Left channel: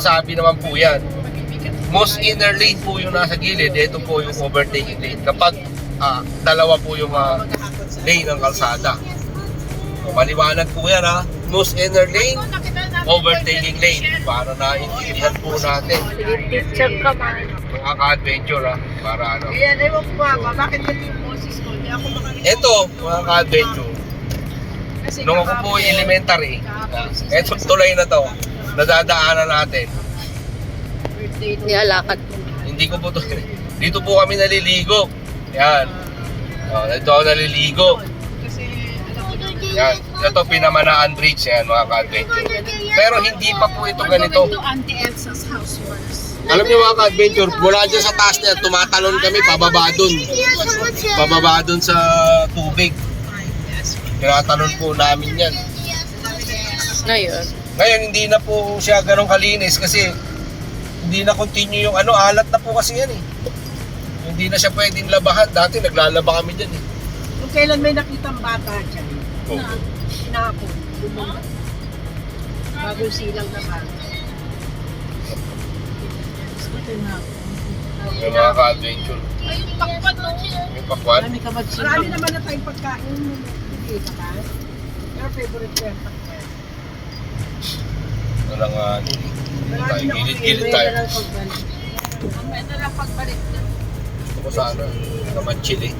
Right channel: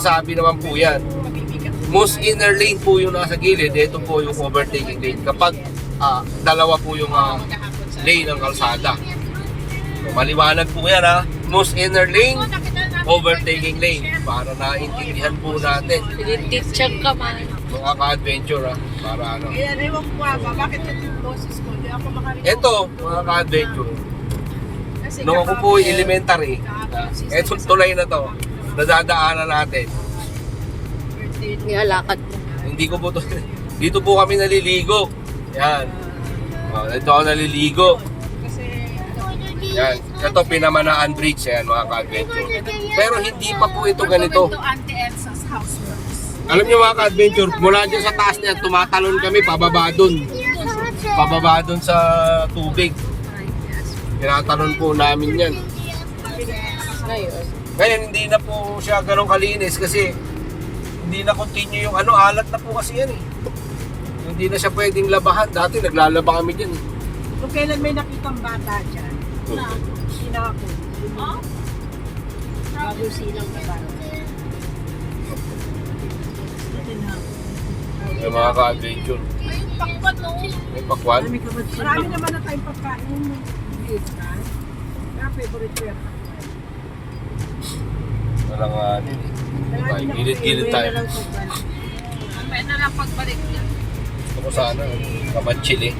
sinasabi naman po yan. Most inner lane po yung nasa gilid, ito po yung overtaking lane. Kapag dalawa po yung lane ng kalsada. So, maliwanag po yan ha. Most inner lane, overtaking lane. Para naintindihan po natin. Sige, teacher ka man. Mga ka-adventure ha. Para ano. Ayan, ewan ko ba, bakit ito yung boses ko? Hindi ako makarinig. Ito, mga ka-adventure. Nung ako po elementary, etong tulay na to, nadadaanan natin. Nialakad. Hindi ko po to. Dito po kami naliligo. Yan. Dito ako naliligo. Yan. Ito Pinamanaan Bridge yan mga ka-adventure. Pero hindi pa po ito ganito. Auntie Elsa's house works. Alam niyo mga ka-adventure, mula dyan sa taas na yan, tumatalon kami pababa dun. Pababa dun sa tubig. Tinatalon po namin yan. Ngayon. Ngayon hindi na po siya ganun kalinis kasi hindi na continue yung ano, alat na po kasi yan eh. Hindi na siya pwedeng labahan. Dati naglalaba kami dyan eh. Kung kailan may nakitang bata dyan, sinakot. Bagong silang na bata. Yung mga ka-adventure. Pakpan no? Yung pakwan. Marami naman na tayong pagkain. Hindi ka. Kaya favorite ko yung pakwan. Walang Marami na gilid-gilid tayo. May na lang pagbalik niya. Gusto ko sana kamanchil eh.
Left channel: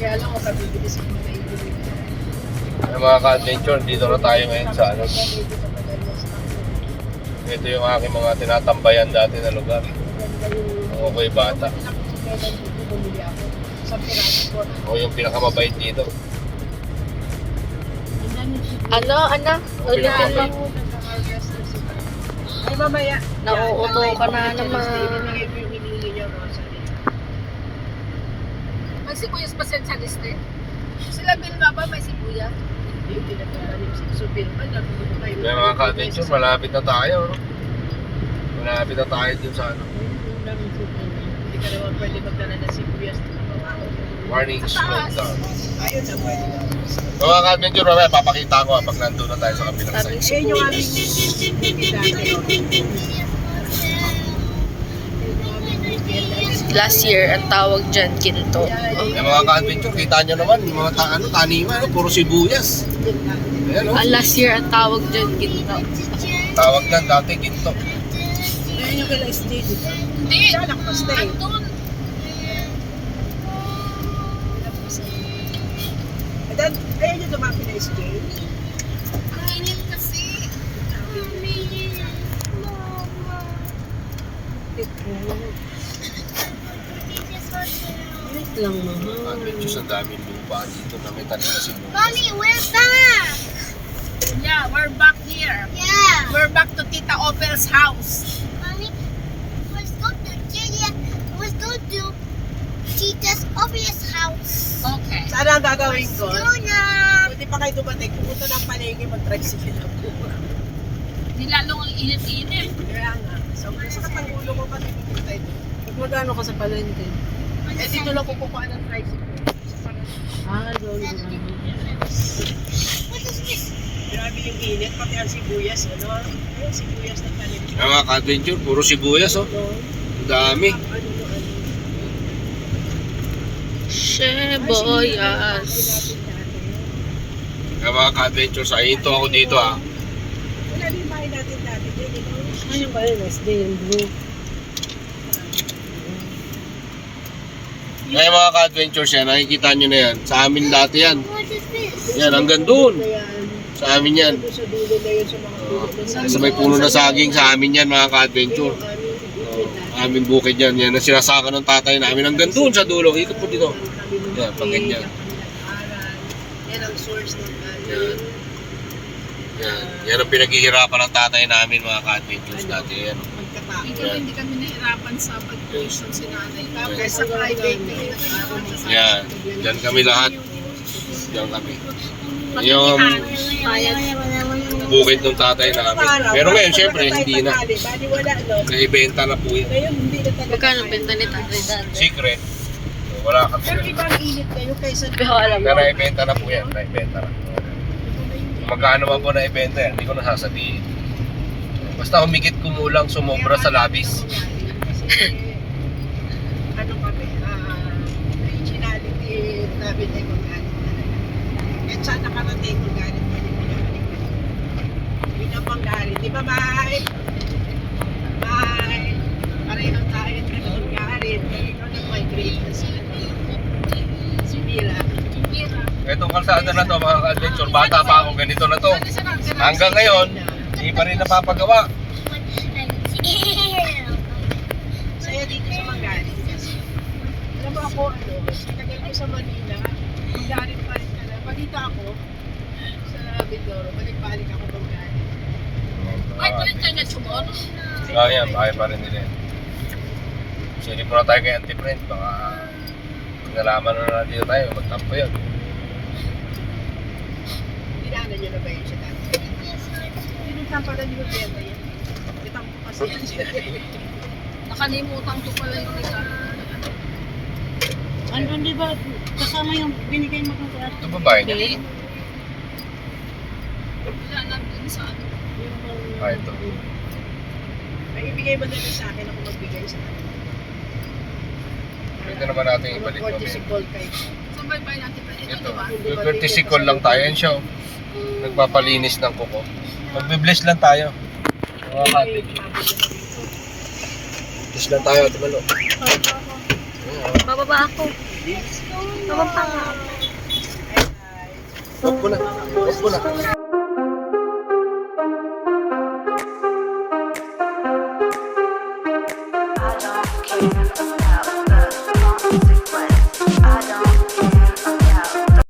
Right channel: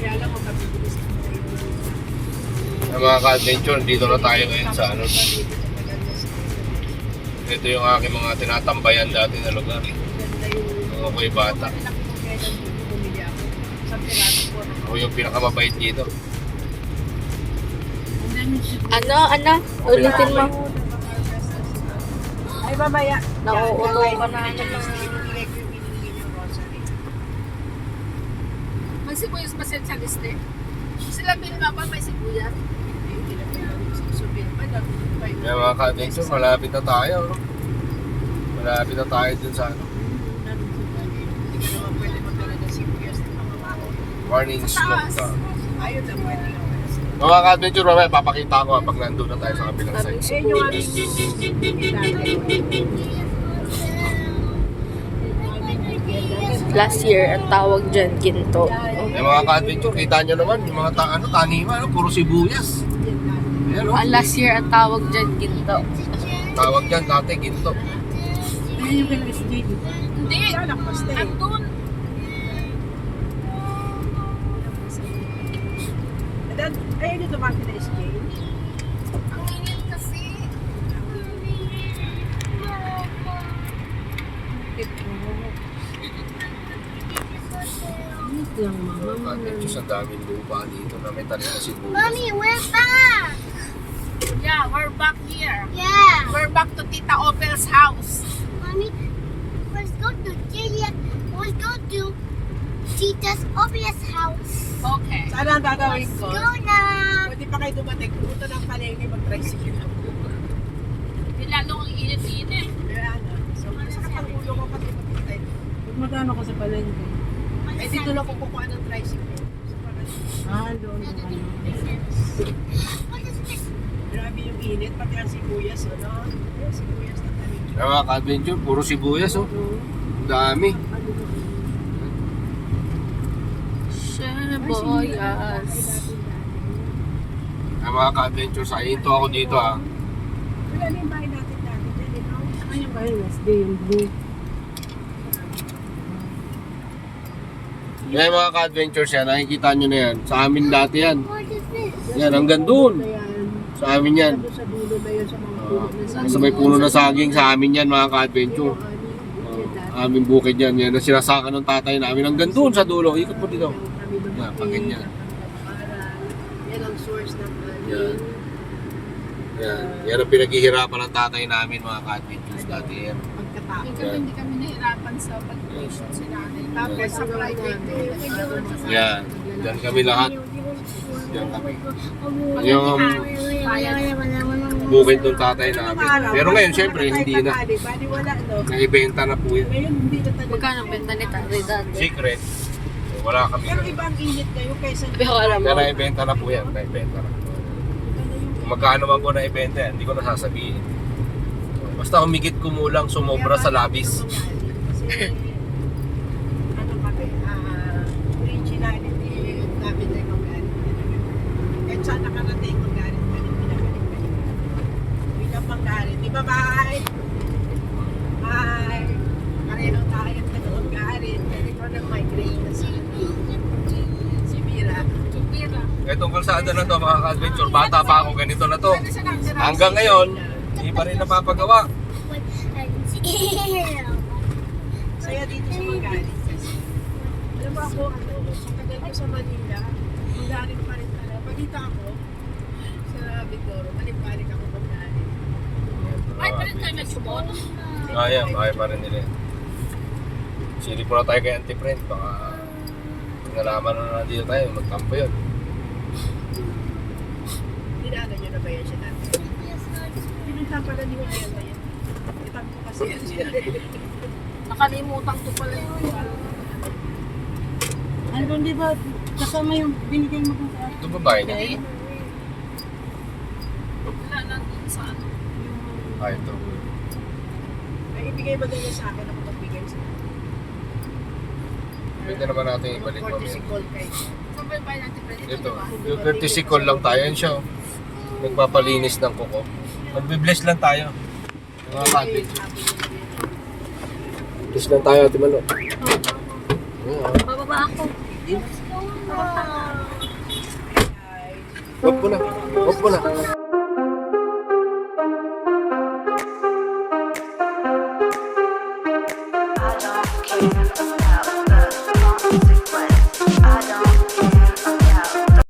Kaya lang makabibilis ko na yung Yung mga ka-adventure, dito na tayo ngayon sa ano. Ito yung aking mga tinatambayan dati na lugar. Mga ko'y bata. Ako yung pinakamabait dito. Ano? Ulitin mo. Ay, mamaya. Nauuto ka na naman. Ibigay ko yung hinili niyo, Rosary. May sibuyas pa sa liste? Sila Bilma ba may sibuyas? Hindi na kaya si Bilma. May mga ka-adventure, malapit na tayo. No? Malapit na tayo dun sa ano. Hindi ka naman pwede magdala ng sibuyas. Warning slope down. Ayun na pwede. Mga ka-adventure, mamaya papakita ko pag nandun na tayo sa kabilang Daming side. Ayun yung aming Last year, ang tawag dyan, ginto. May mga ka-adventure, kita nyo naman, yung mga taniman, no? Puro sibuyas. Ayan, no? Ang last year, ang tawag dyan, ginto. Tawag dyan dati, ginto. Ayun yung kila SJ. Hindi. Siya nakapasta eh. Ayun yung dumapi na SJ. Ang init kasi. Init lang mahal. Medyo sa daming lupa dito na may tanim na sibuyas. Mommy, we're back. Yeah, we're back here. Yeah. We're back to Tita Opel's house. Mommy, let's go to Tita's obvious house. Okay. Saan ang gagawin ko? Go na. Pwede pa kayo dumating. Pumunta ng palengke, mag-tricycle ako. Di lalong ang init-init. Kaya nga. Sa katangulo ko kasi pupunta ito. Huwag magano ka sa palengke. Eh, dito lang kukuha ng tricycle. Sa palengke. Doon. Grabe yung init, pati ang sibuyas, ano? Yung sibuyas na tanim. Yung mga ka-adventure, puro sibuyas, oh. Ang dami. Sheboyas. Yung mga ka-adventure, sa ito ako dito, ah. Wala na yung bahay natin dati dyan, you know? Ay, yung bahay, SD, yung blue. Kaya mga ka-adventures yan, nakikita nyo na yan. Sa amin dati yan. What is this? Yan, hanggang doon. Ayan. Sa amin yan. Doon sa dulo na yun, sa mga puno na sa Sa may puno na saging, sa amin yan mga ka-adventure. Aming bukid yan. Yan ang sinasaka ng tatay namin. Hanggang doon sa dulo. Ikot po dito. Yan, pag ganyan. Yan ang source ng Yan. Yan. Yan ang pinaghihirapan ng tatay namin mga ka-adventures dati. Yan. pagkatao. Yan. Hindi kami nahirapan sa pag-tuition si nanay. Kaya sa private, Yan. Yan kami lahat. Yan kami. Yung bukid ng tatay namin. Pero ngayon, syempre, hindi na. Bali wala, no? Naibenta na po yan. Ngayon, hindi na talaga. Magkano ang benta ni tatay dati? Secret. Wala kami. Pero ibang init kayo kaysa Pero alam mo. Pero naibenta na po yan. Naibenta na. magkano ba po na ibenta yan, hindi ko nasasabihin. Basta humigit kumulang, sumobra sa labis. Ano kami, originality namin ay magalit talaga. At saan nakarating magalit pa rin pinabalik pa rin. Pinapanggalit. Di ba, Mai? Mai? Pareho tayo at pinapanggalit. Pero ikaw nag-migrate na sa si Mira. Itong kalsada na to, mga ka-adventure, bata pa ako, ganito na to. Hanggang ngayon, hindi pa rin napapagawa. Saya dito sa Magalit kasi. Alam mo ako, sa tagal ko sa Manila, Magalit pa rin talaga. Pagkita ako sa Bindoro, balik-balik ako Magalit. Bakit pa rin kayo nagsumot? Kaya pa rin nila. Sili po na tayo kay Auntie Brent, baka nalaman na dito tayo, magtampo yun. Dinaanan nyo na ba yun siya dati? Pinuntan pala ni Hotel na yan. Itang ko kasi yan siya. Nakalimutan ko pala yung isa. Andun di ba, kasama yung binigay mo kung saan? Ito babae niya. Wala lang din sa ano. Ah, ito. May ibigay mo na lang sa akin ako magbigay sa akin. Pwede naman natin ibalik Mga mamaya. 40 gold kayo. Saan ba yung natin pa dito, Ito, di ba? yung courtesy call lang tayo. Yan siya. oh. Nagpapalinis ng kuko. Magbe-bless lang tayo. Mga ka-adventure. Bless lang tayo, Ate Malo. Bababa ako. Bababa nga. Huwag mo na. Huwag mo na.